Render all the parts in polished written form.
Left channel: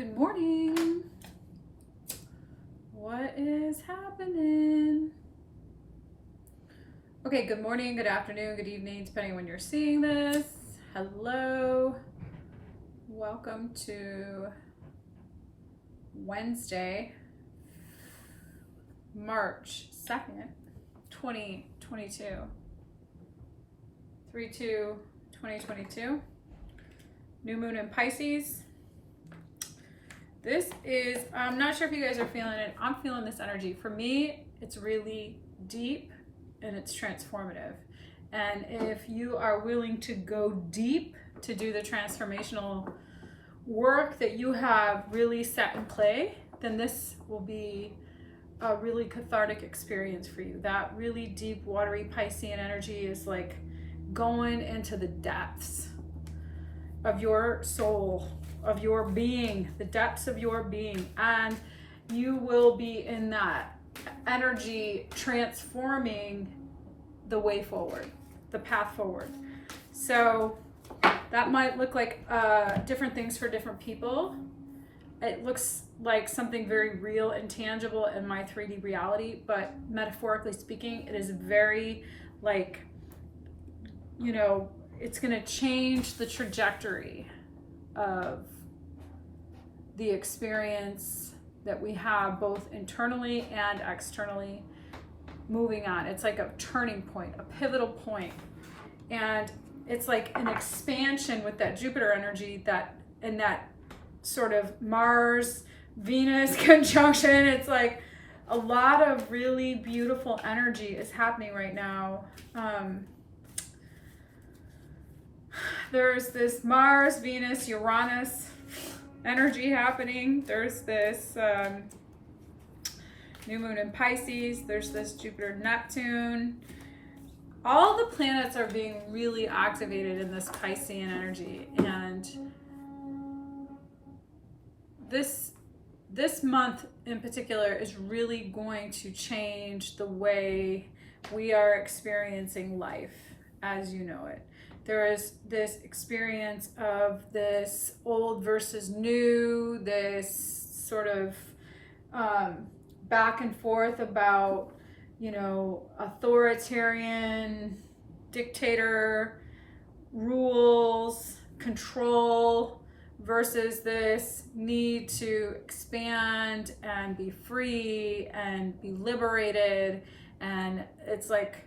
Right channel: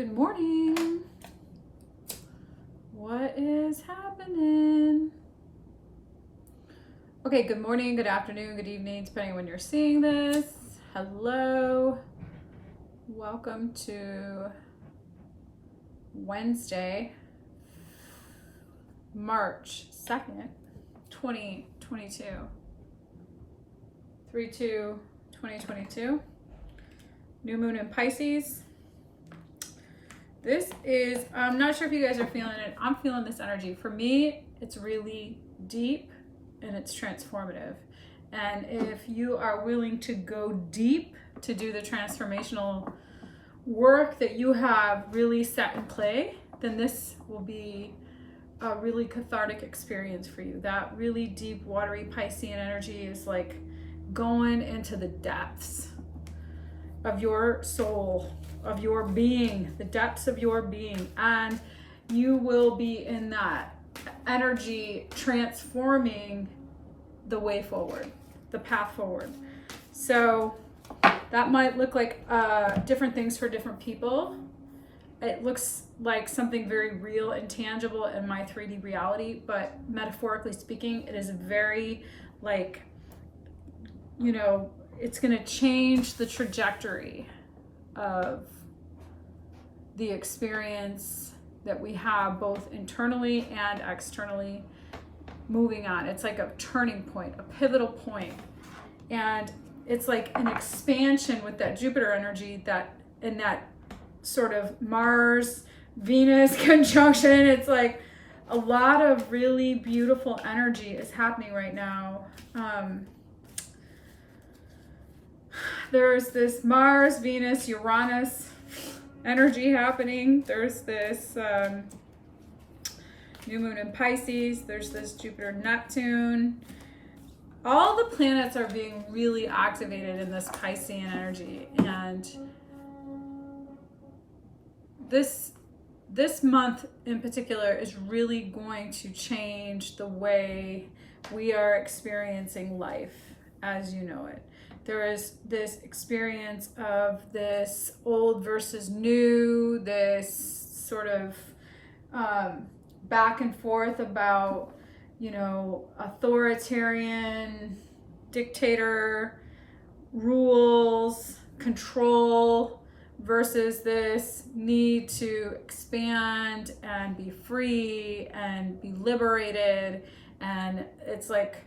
Good morning. What is happening? Okay, good morning, good afternoon, good evening, depending on when you're seeing this. Hello. Welcome to Wednesday, March 2nd, 2022. 3/2/2022. New Moon in Pisces. This is, I'm not sure if you guys are feeling it. I'm feeling this energy. For me, it's really deep and it's transformative. And if you are willing to go deep to do the transformational work that you have really set in play, then this will be a really cathartic experience for you. That really deep, watery Piscean energy is like going into the depths of your soul, of your being, the depths of your being, and you will be in that energy transforming the way forward, the path forward. So that might look like different things for different people. It looks like something very real and tangible in my 3D reality, but metaphorically speaking, it is very like, you know, it's going to change the trajectory of the experience that we have both internally and externally moving on. It's like a turning point, a pivotal point. And it's like an expansion with that Jupiter energy, that in that sort of Mars Venus conjunction. It's like a lot of really beautiful energy is happening right now. There's this Mars, Venus, Uranus energy happening. There's this new moon in Pisces. There's this Jupiter, Neptune. All the planets are being really activated in this Piscean energy. And this month in particular is really going to change the way we are experiencing life as you know it. There is this experience of this old versus new, this sort of back and forth about, you know, authoritarian, dictator, rules, control, versus this need to expand and be free and be liberated. And it's like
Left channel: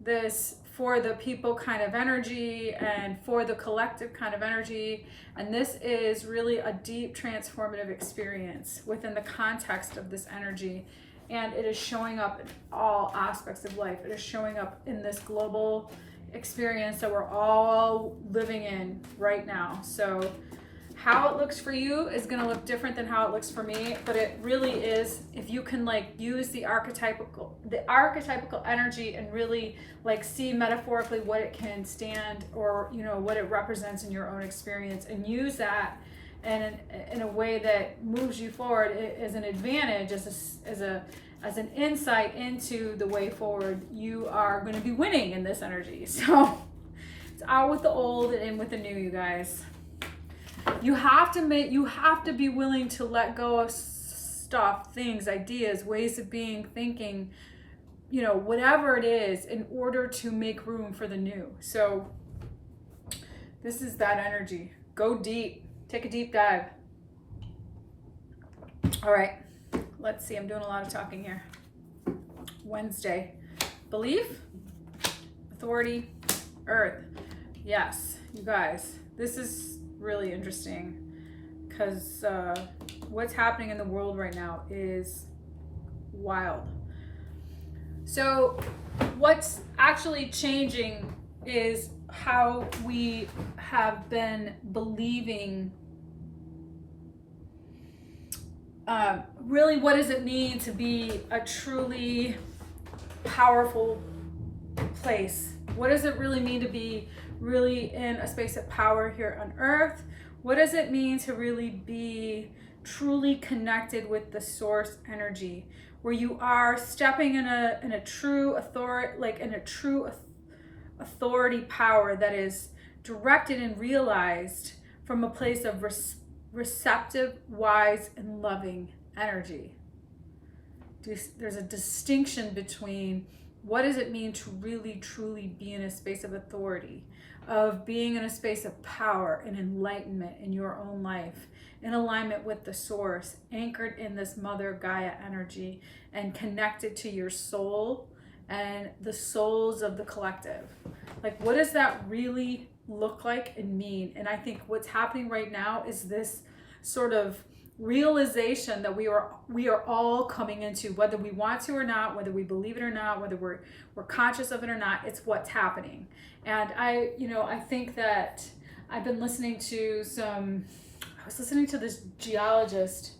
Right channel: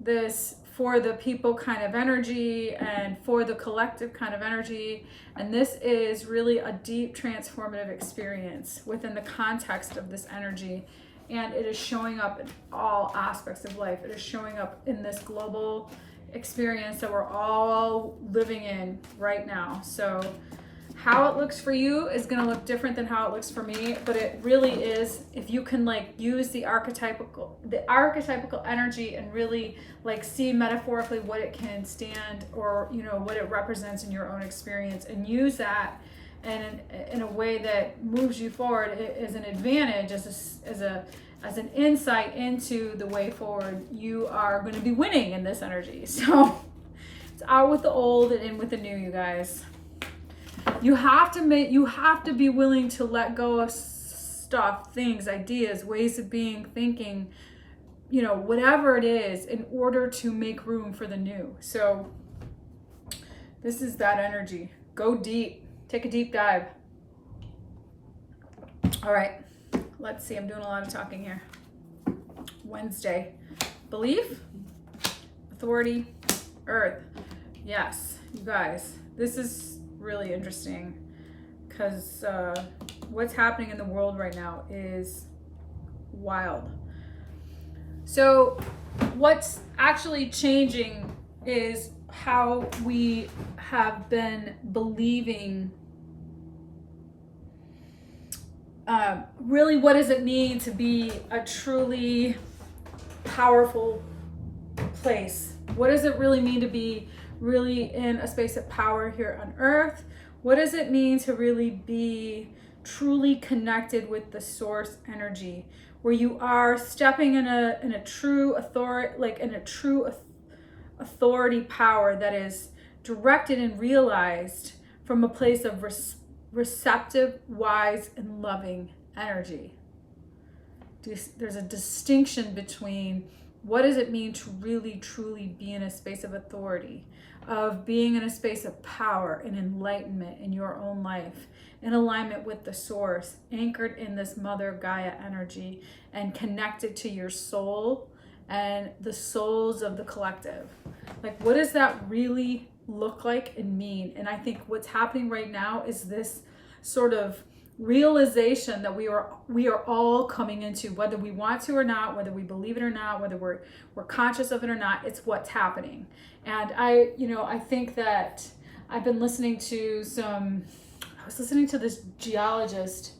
this for the people kind of energy and for the collective kind of energy. And this is really a deep transformative experience within the context of this energy. And it is showing up in all aspects of life. It is showing up in this global experience that we're all living in right now. So how it looks for you is going to look different than how it looks for me, but it really is, if you can like use the archetypical energy and really like see metaphorically what it can stand, or you know what it represents in your own experience, and use that and in a way that moves you forward as an advantage, as an insight into the way forward, you are going to be winning in this energy. So it's out with the old and in with the new, you guys. You have to be willing to let go of stuff, things, ideas, ways of being, thinking, you know, whatever it is, in order to make room for the new. So this is that energy. Go deep. Take a deep dive. All right. Let's see. I'm doing a lot of talking here. Wednesday. Belief, authority, earth. Yes, you guys. This is really interesting because what's happening in the world right now is wild. So what's actually changing is how we have been believing, really what does it mean to be a truly powerful place? What does it really mean to be really in a space of power here on earth? What does it mean to really be truly connected with the source energy, where you are stepping in a true authority, like in a true authority power that is directed and realized from a place of receptive, wise, and loving energy. There's a distinction between what does it mean to really truly be in a space of authority, of being in a space of power and enlightenment in your own life, in alignment with the source, anchored in this Mother Gaia energy and connected to your soul and the souls of the collective. Like, what does that really look like and mean? And I think what's happening right now is this sort of realization that we are all coming into, whether we want to or not, whether we believe it or not, whether we're conscious of it or not. It's what's happening. And I think that I've been listening to I was listening to this geologist.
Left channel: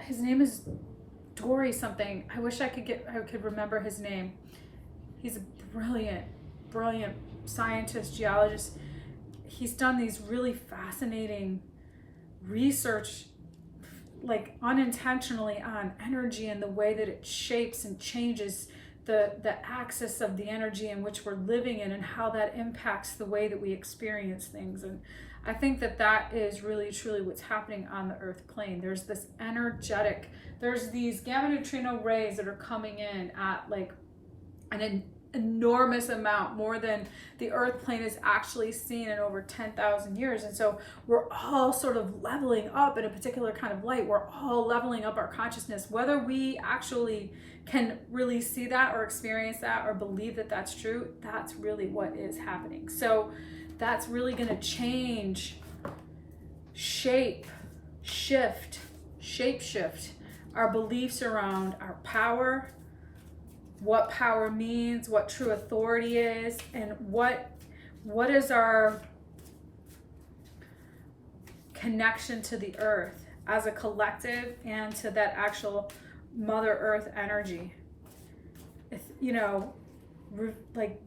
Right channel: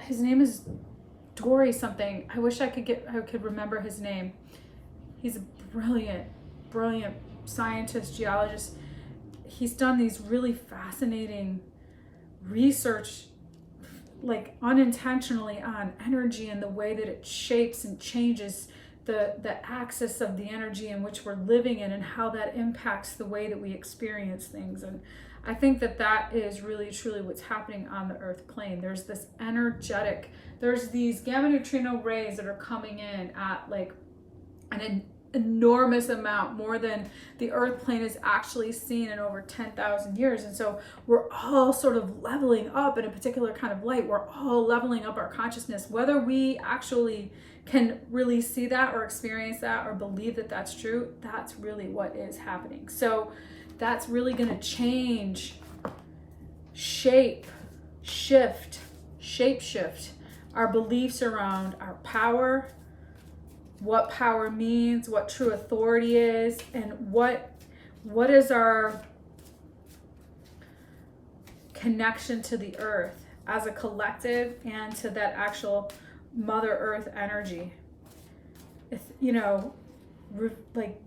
His name is Dory something. I wish I could remember his name. He's a brilliant scientist, geologist. He's done these really fascinating research, like unintentionally, on energy and the way that it shapes and changes the axis of the energy in which we're living in, and how that impacts the way that we experience things. And I think that is really truly what's happening on the earth plane. There's this energetic, there's these gamma neutrino rays that are coming in at like an enormous amount, more than the earth plane is actually seen in over 10,000 years. And so we're all sort of leveling up in a particular kind of light. We're all leveling up our consciousness, whether we actually can really see that or experience that or believe that that's true. That's really what is happening. So that's really going to change, shape shift our beliefs around our power, what power means, what true authority is, and what is our connection to the earth as a collective and to that actual Mother Earth energy. It's, like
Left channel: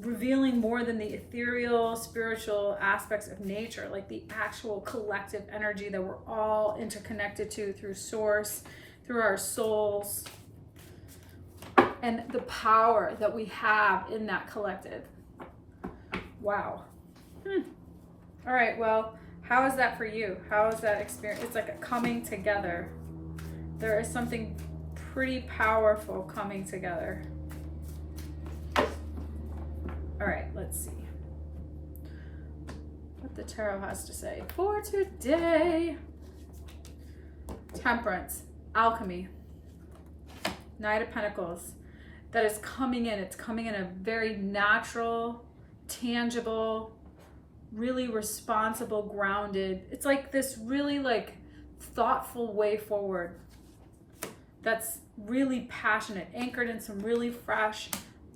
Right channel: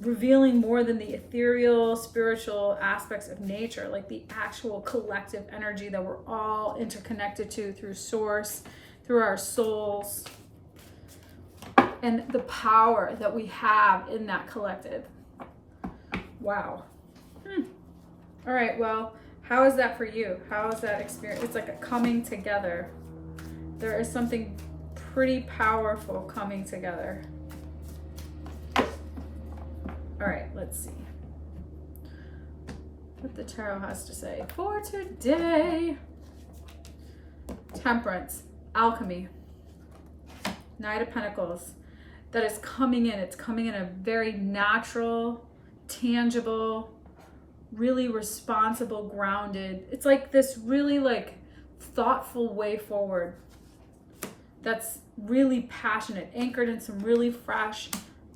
revealing more than the ethereal, spiritual aspects of nature, like the actual collective energy that we're all interconnected to through source, through our souls, and the power that we have in that collective. Wow. All right, well, how is that for you? How is that experience? It's like a coming together. There is something pretty powerful coming together. All right, let's see what the tarot has to say for today. Temperance, alchemy, Knight of Pentacles. That is coming in. It's coming in a very natural, tangible, really responsible, grounded. It's like this really like thoughtful way forward. That's really passionate, anchored in some really fresh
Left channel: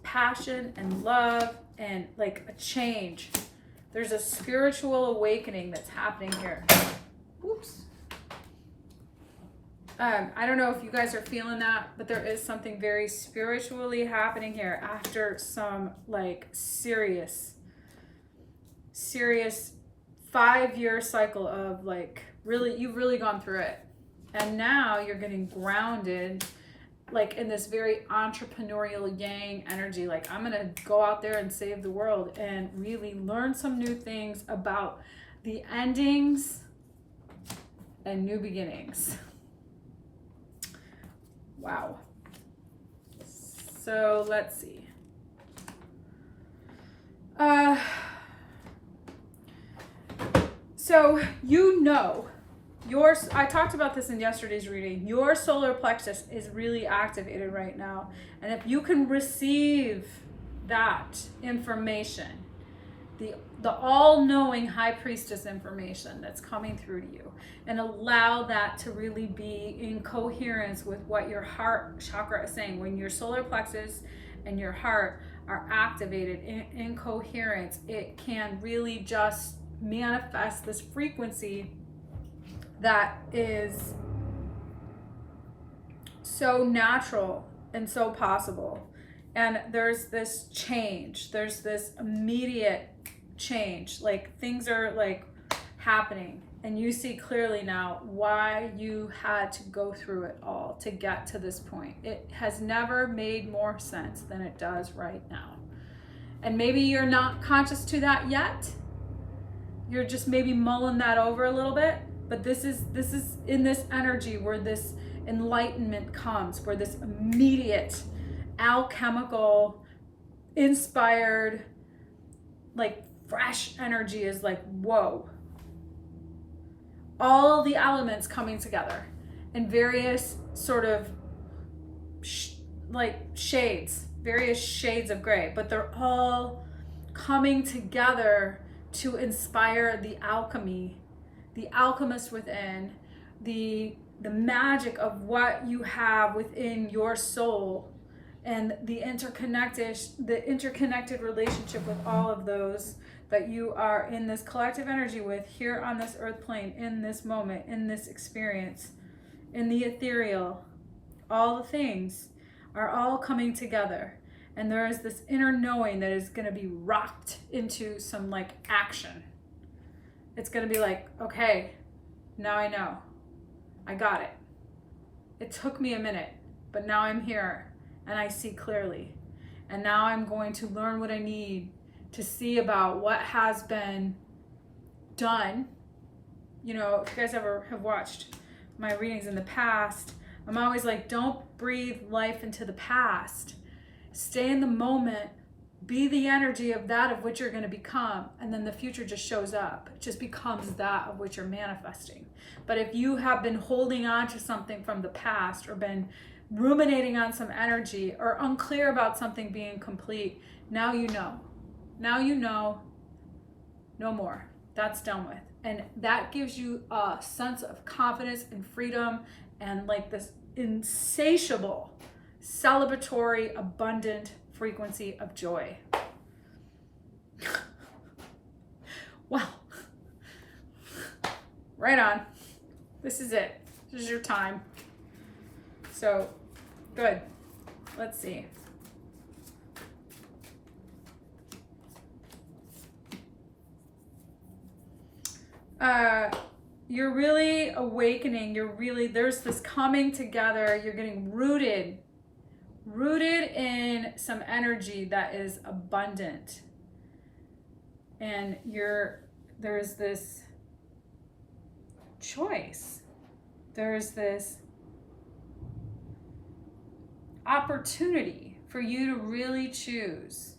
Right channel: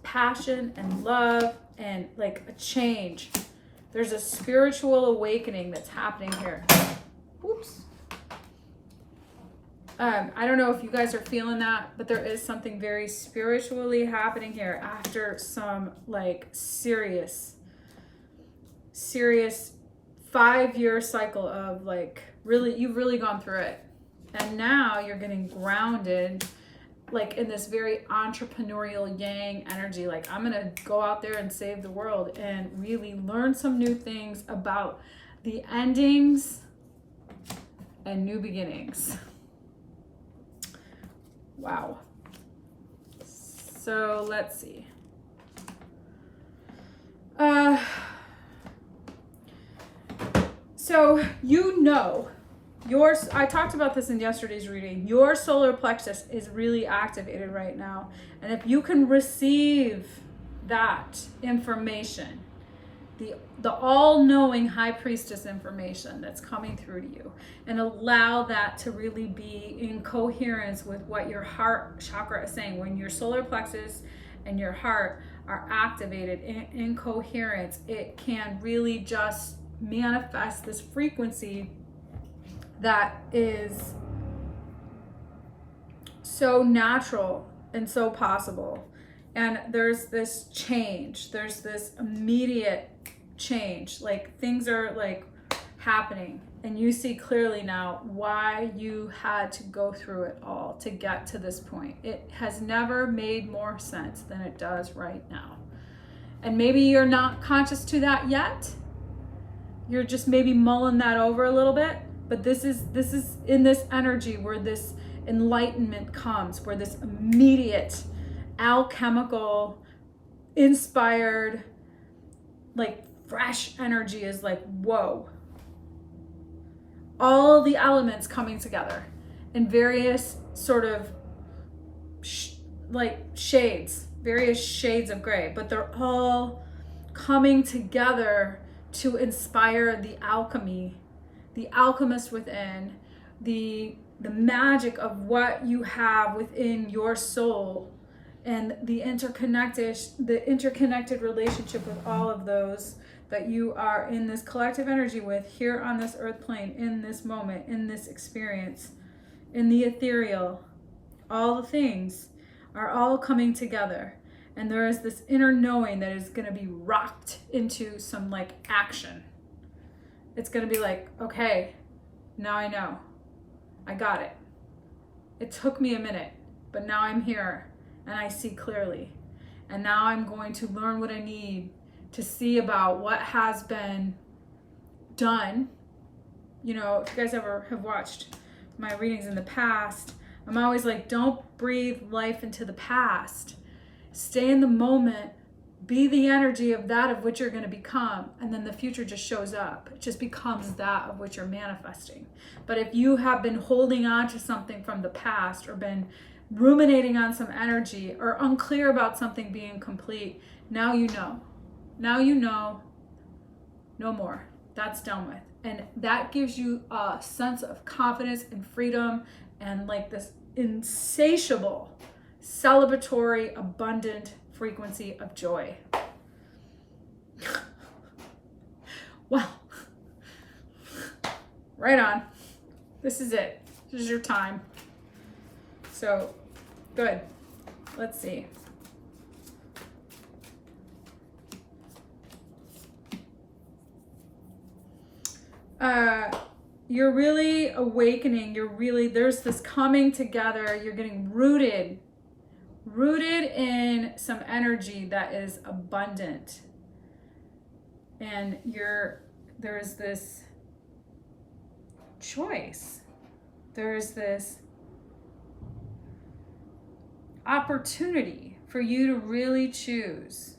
passion and love and like a change. There's a spiritual awakening that's happening here. Oops. I don't know if you guys are feeling that, but there is something very spiritually happening here after some like serious 5-year cycle of like you've really gone through it. And now you're getting grounded like in this very entrepreneurial yang energy. Like, I'm going to go out there and save the world and really learn some new things about the endings and new beginnings. Wow. So let's see. So I talked about this in yesterday's reading. Your solar plexus is really activated right now. And if you can receive that information, the all-knowing high priestess information that's coming through to you, and allow that to really be in coherence with what your heart chakra is saying. When your solar plexus and your heart are activated in coherence, it can really just manifest this frequency that is so natural and so possible. And there's this change, there's this immediate change, like things are like happening, and you see clearly now why you had to go through it all to get to this point. It has never made more sense than it does right now. And maybe you're not conscious to that yet. you're just maybe mulling that over a little bit, but this is in this energy where this enlightenment comes, where this immediate alchemical inspired, like fresh energy is like, whoa. All the elements coming together in various sort of shades, various shades of gray, but they're all coming together to inspire the alchemy, the alchemist within, the magic of what you have within your soul, and the interconnected relationship with all of those that you are in this collective energy with here on this earth plane, in this moment, in this experience, in the ethereal. All the things are all coming together, and there is this inner knowing that is going to be rocked into some like action. It's going to be like, okay, now I know, I got it. It took me a minute, but now I'm here and I see clearly, and now I'm going to learn what I need to see about what has been done. You know, if you guys ever have watched my readings in the past, I'm always like, don't breathe life into the past. Stay in the moment, be the energy of that of which you're going to become, and then the future just shows up. It just becomes that of which you're manifesting. But if you have been holding on to something from the past, or been ruminating on some energy, or unclear about something being complete, now you know. Now you know, no more. That's done with. And that gives you a sense of confidence and freedom, and like this insatiable, celebratory, abundant frequency of joy. Well, right on. This is it. This is your time. So, good. Let's see. You're really awakening. There's this coming together. You're getting rooted in some energy that is abundant. And there's this choice. There's this opportunity for you to really choose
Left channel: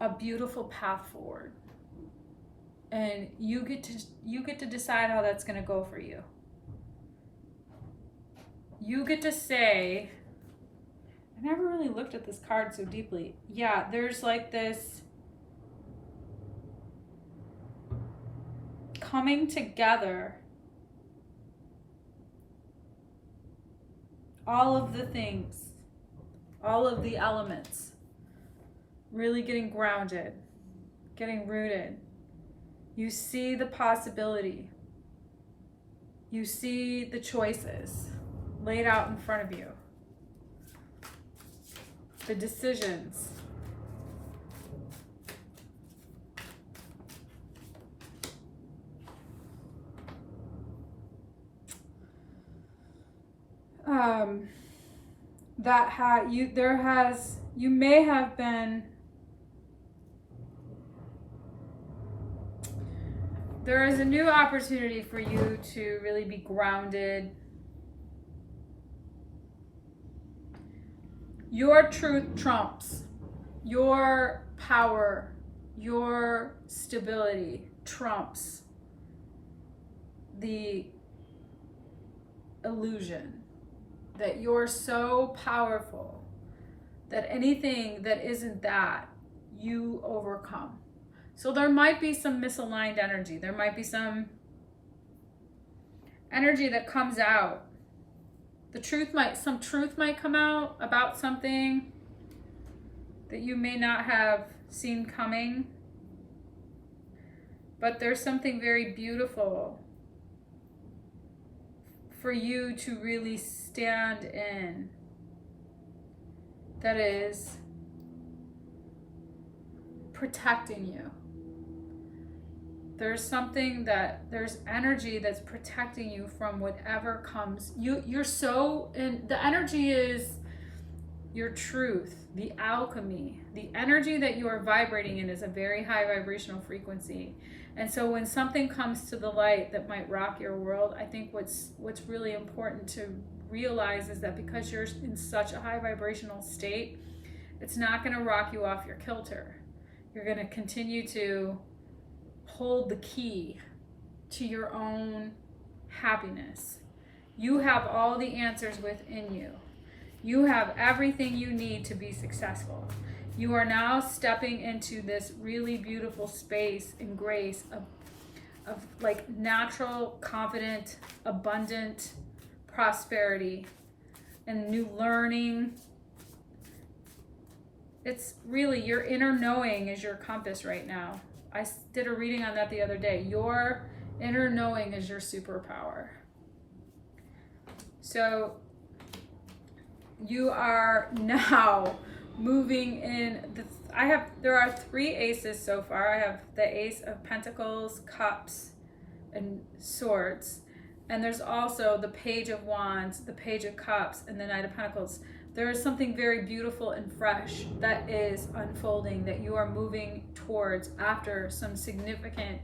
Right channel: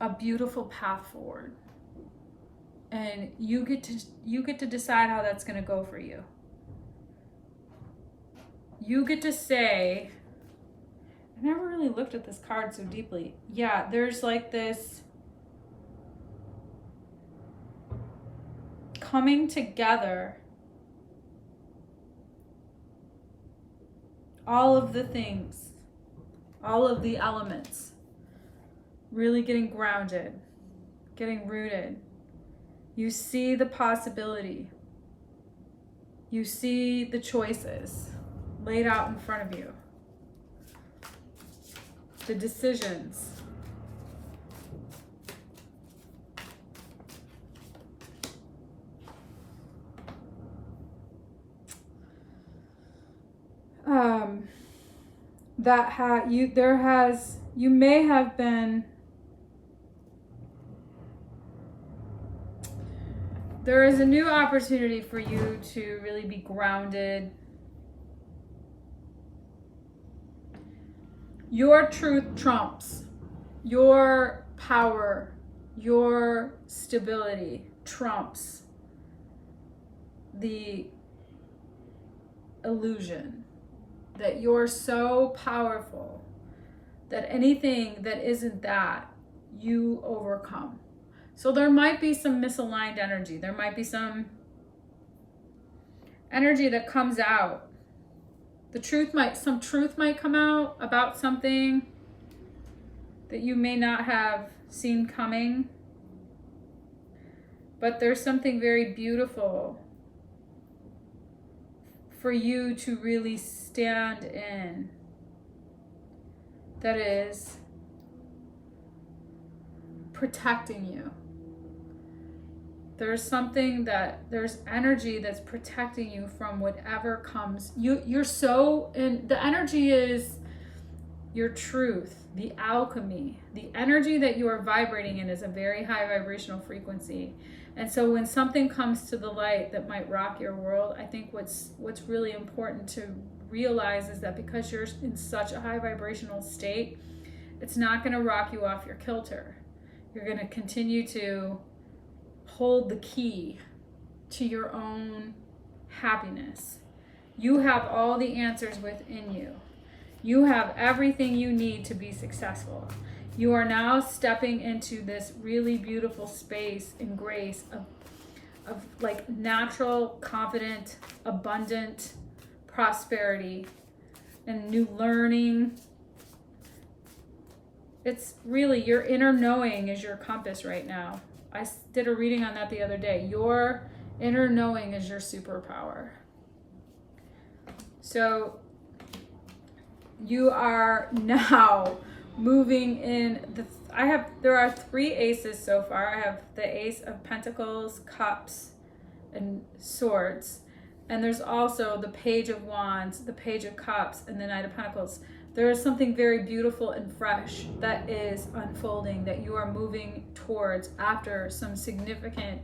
a beautiful path forward. And you get to decide how that's going to go for you. You get to say, I never really looked at this card so deeply. Yeah, there's like this coming together. All of the things, all of the elements, really getting grounded, getting rooted. You see the possibility. You see the choices laid out in front of you. The decisions. You may have been. There is a new opportunity for you to really be grounded. Your truth trumps. Your power, your stability trumps the illusion that you're so powerful that anything that isn't that, you overcome. So there might be some misaligned energy. There might be some energy that comes out. Some truth might come out about something that you may not have seen coming. But there's something very beautiful for you to really stand in that is protecting you. There's energy that's protecting you from whatever comes. You're so, and the energy is your truth, the alchemy, the energy that you are vibrating in is a very high vibrational frequency. And so when something comes to the light that might rock your world, I think what's really important to realize is that because you're in such a high vibrational state, it's not going to rock you off your kilter. You're going to continue to hold the key to your own happiness. You have all the answers within you. You have everything you need to be successful. You are now stepping into this really beautiful space and grace of like natural, confident, abundant prosperity and new learning. It's really your inner knowing is your compass right now. I did a reading on that the other day. Your inner knowing is your superpower. So you are now moving in there are 3 aces so far. I have the Ace of Pentacles, Cups, and Swords. And there's also the Page of Wands, the Page of Cups, and the Knight of Pentacles. There is something very beautiful and fresh that is unfolding, that you are moving towards after some significant,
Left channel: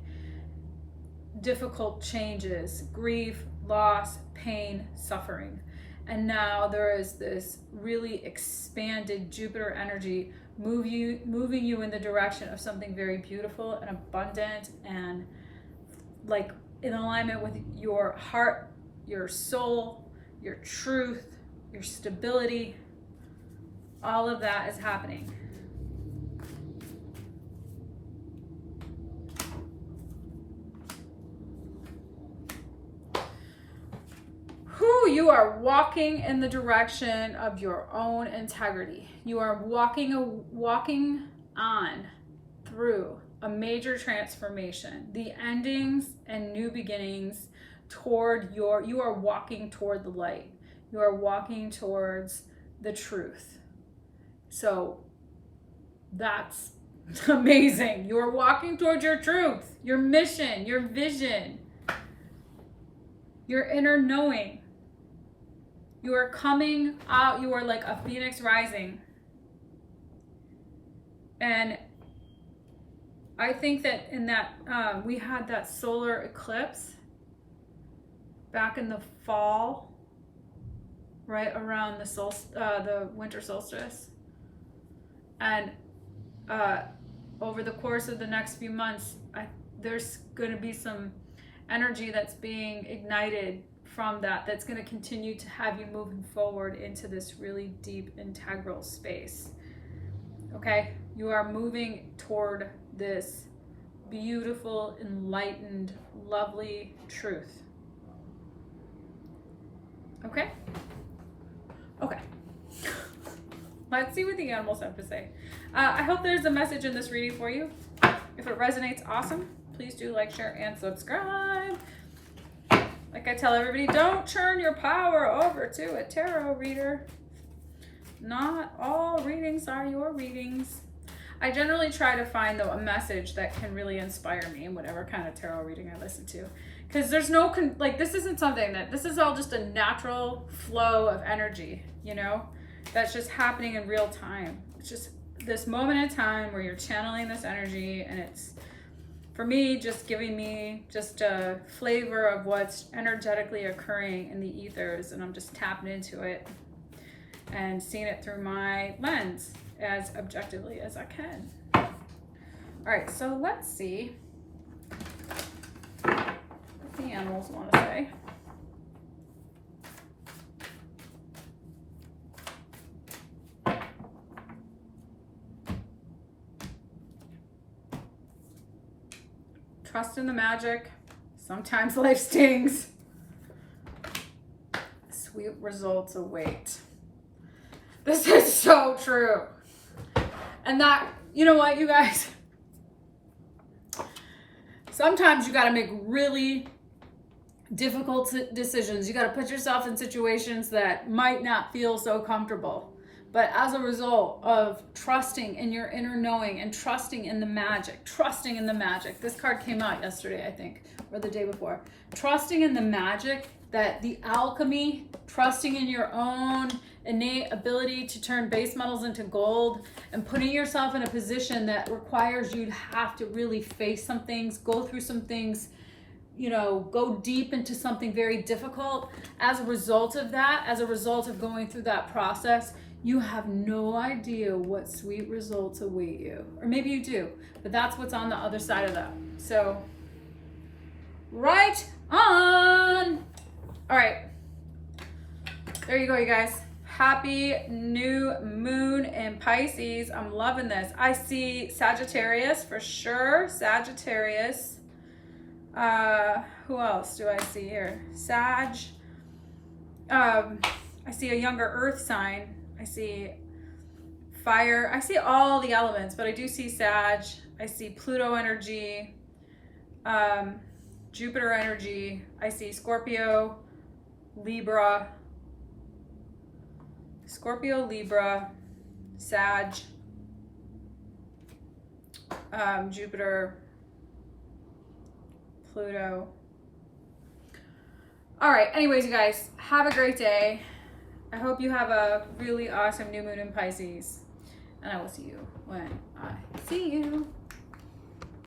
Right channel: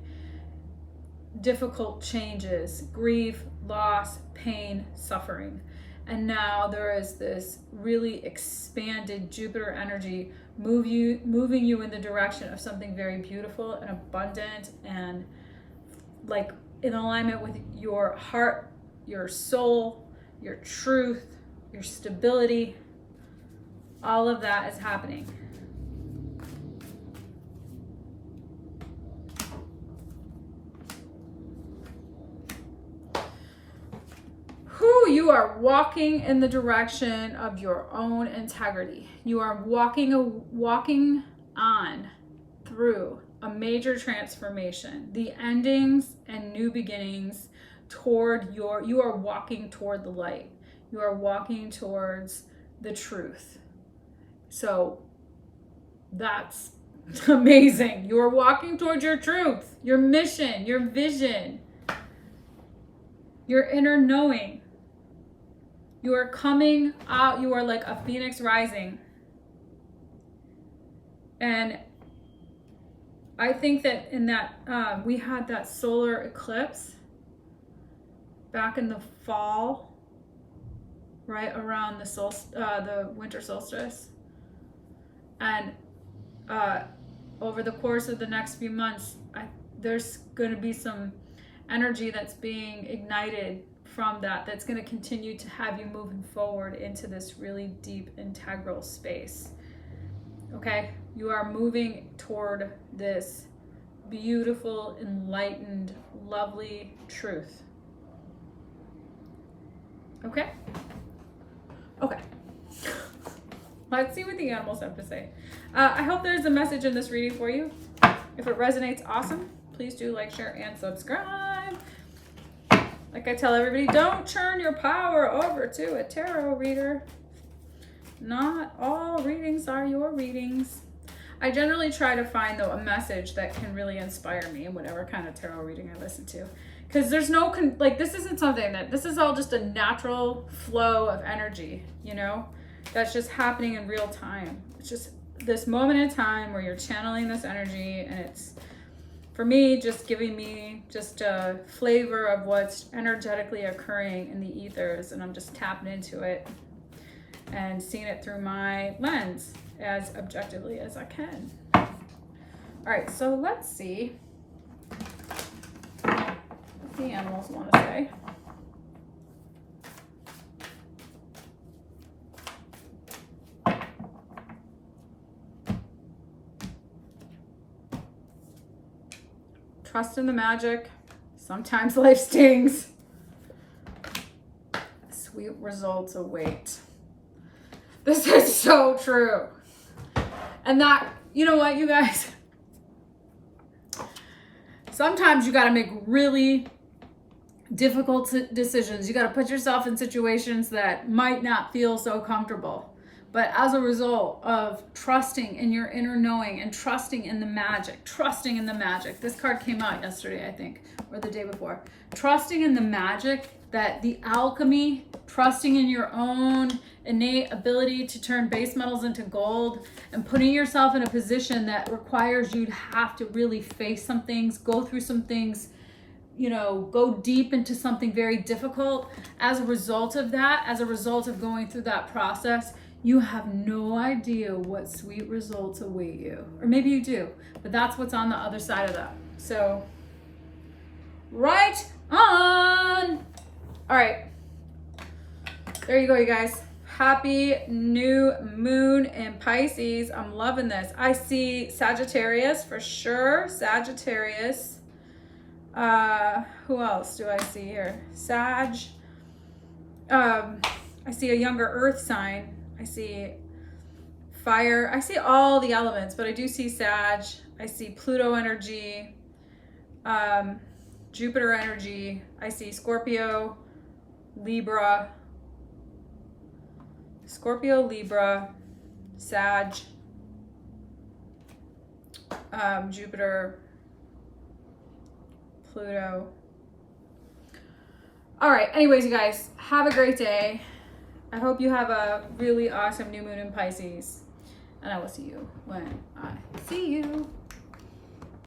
difficult changes, grief, loss, pain, suffering. And now there is this really expanded Jupiter energy moving you in the direction of something very beautiful and abundant and like in alignment with your heart, your soul, your truth, your stability. All of that is happening. You are walking in the direction of your own integrity. You are walking on through a major transformation. The endings and new beginnings you are walking toward the light. You are walking towards the truth. So that's amazing. You are walking towards your truth, your mission, your vision, your inner knowing. You are coming out, you are like a phoenix rising. And I think that in that, we had that solar eclipse back in the fall, right around the winter solstice. And over the course of the next few months, there's going to be some energy that's being ignited from that's going to continue to have you moving forward into this really deep integral space. Okay, you are moving toward this beautiful, enlightened, lovely truth. Okay, let's see what the animals have to say. I hope there's a message in this reading for you. If it resonates, awesome. Please do like, share, and subscribe. Like I tell everybody, don't turn your power over to a tarot reader. Not all readings are your readings. I generally try to find, though, a message that can really inspire me in whatever kind of tarot reading I listen to. Because there's no, this isn't something this is all just a natural flow of energy, that's just happening in real time. It's just this moment in time where you're channeling this energy, and it's, for me, just giving me just a flavor of what's energetically occurring in the ethers, and I'm just tapping into it and seeing it through my lens as objectively as I can. All right, so let's see what the animals want to say. Trust in the magic. Sometimes life stings. Sweet results await. This is so true. And that, you know what, you guys? Sometimes you got to make really difficult decisions. You got to put yourself in situations that might not feel so comfortable. But as a result of trusting in your inner knowing and trusting in the magic, this card came out yesterday, I think, or the day before. Trusting in the magic that the alchemy, trusting in your own innate ability to turn base metals into gold, and putting yourself in a position that requires you to have to really face some things, go through some things, you know, go deep into something very difficult. As a result of that, as a result of going through that process, you have no idea what sweet results await you. Or maybe you do, but that's what's on the other side of that. So, right on. All right. There you go, you guys. Happy new moon in Pisces. I'm loving this. I see Sagittarius for sure. Sagittarius. Who else do I see here? Sag. I see a younger earth sign. I see fire. I see all the elements, but I do see Sag. I see Pluto energy, Jupiter energy. I see Scorpio, Libra, Sag, Jupiter, Pluto. All right, anyways, you guys, have a great day. I hope you have a really awesome new moon in Pisces, and I will see you when I see you.